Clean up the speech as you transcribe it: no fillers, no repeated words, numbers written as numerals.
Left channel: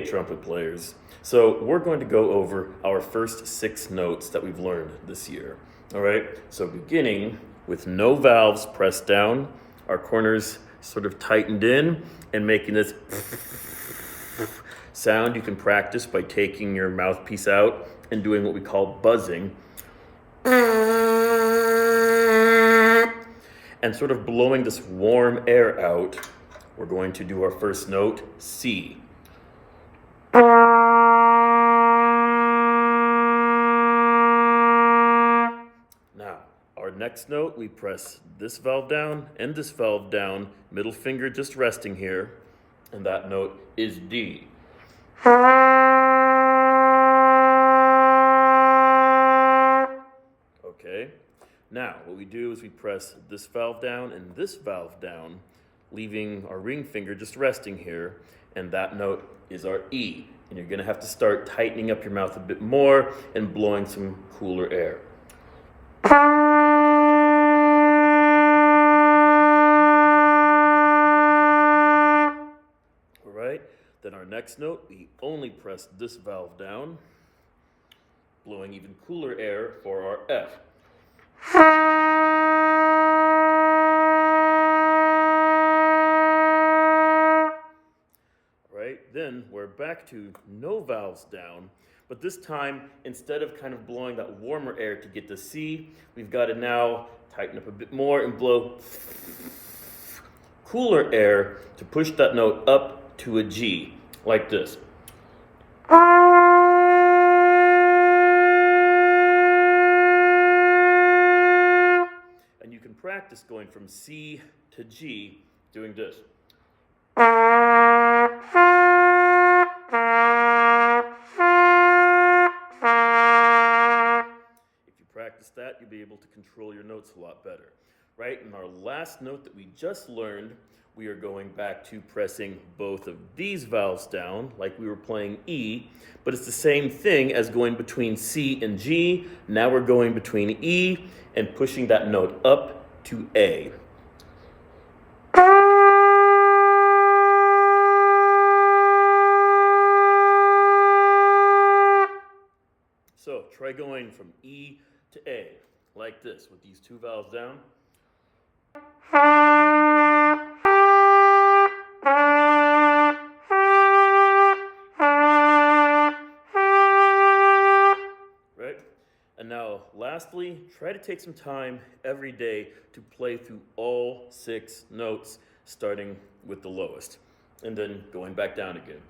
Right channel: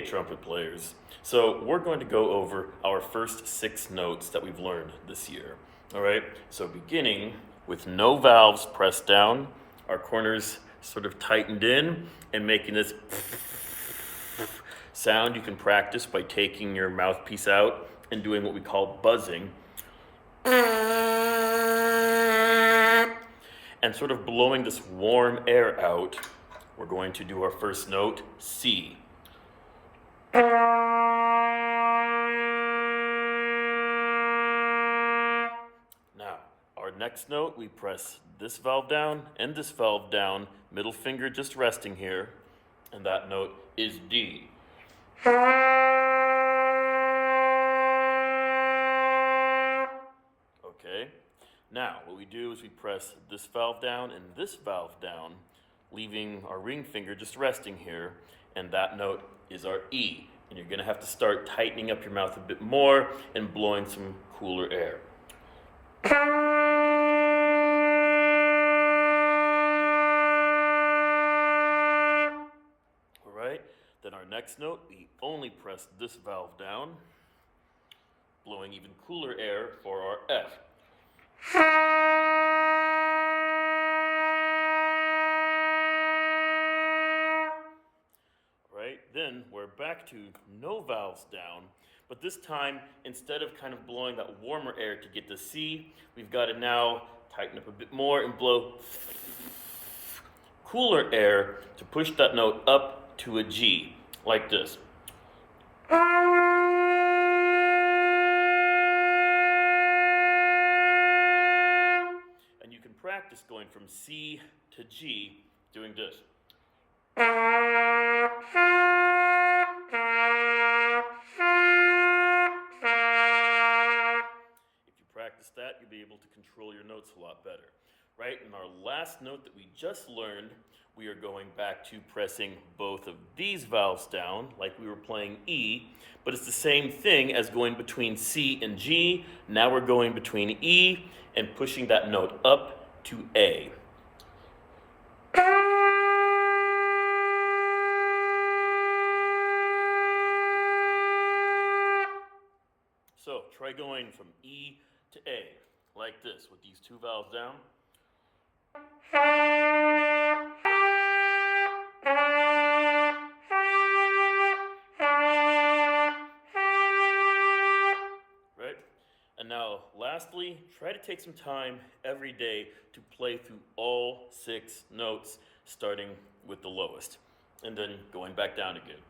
Okay, trumpet players. So we're going to go over our first 6 notes that we've learned this year. All right, so beginning with no valves pressed down, our corners sort of tightened in, and making this sound you can practice by taking your mouthpiece out and doing what we call buzzing. And sort of blowing this warm air out, we're going to do our first note, C. Now, our next note, we press this valve down and this valve down, middle finger just resting here, and that note is D. Okay, now what we do is we press this valve down and this valve down, leaving our ring finger just resting here, and that note is our E. And you're gonna have to start tightening up your mouth a bit more and blowing some cooler air. All right, then our next note, we only press this valve down, blowing even cooler air for our F. Then we're back to no valves down, but this time, instead of kind of blowing that warmer air to get to C, we've got to now tighten up a bit more and blow cooler air to push that note up to a G, like this. And you can practice going from C to G doing this. Practice that, you'll be able to control your notes a lot better, right? And our last note that we just learned, we are going back to pressing both of these valves down, like we were playing E, but it's the same thing as going between C and G. Now we're going between E and pushing that note up to A. So try going from E to A, like this, with these 2 valves down. Right? And now, lastly, try to take some time every day to play through all 6 notes, starting with the lowest, and then going back down again.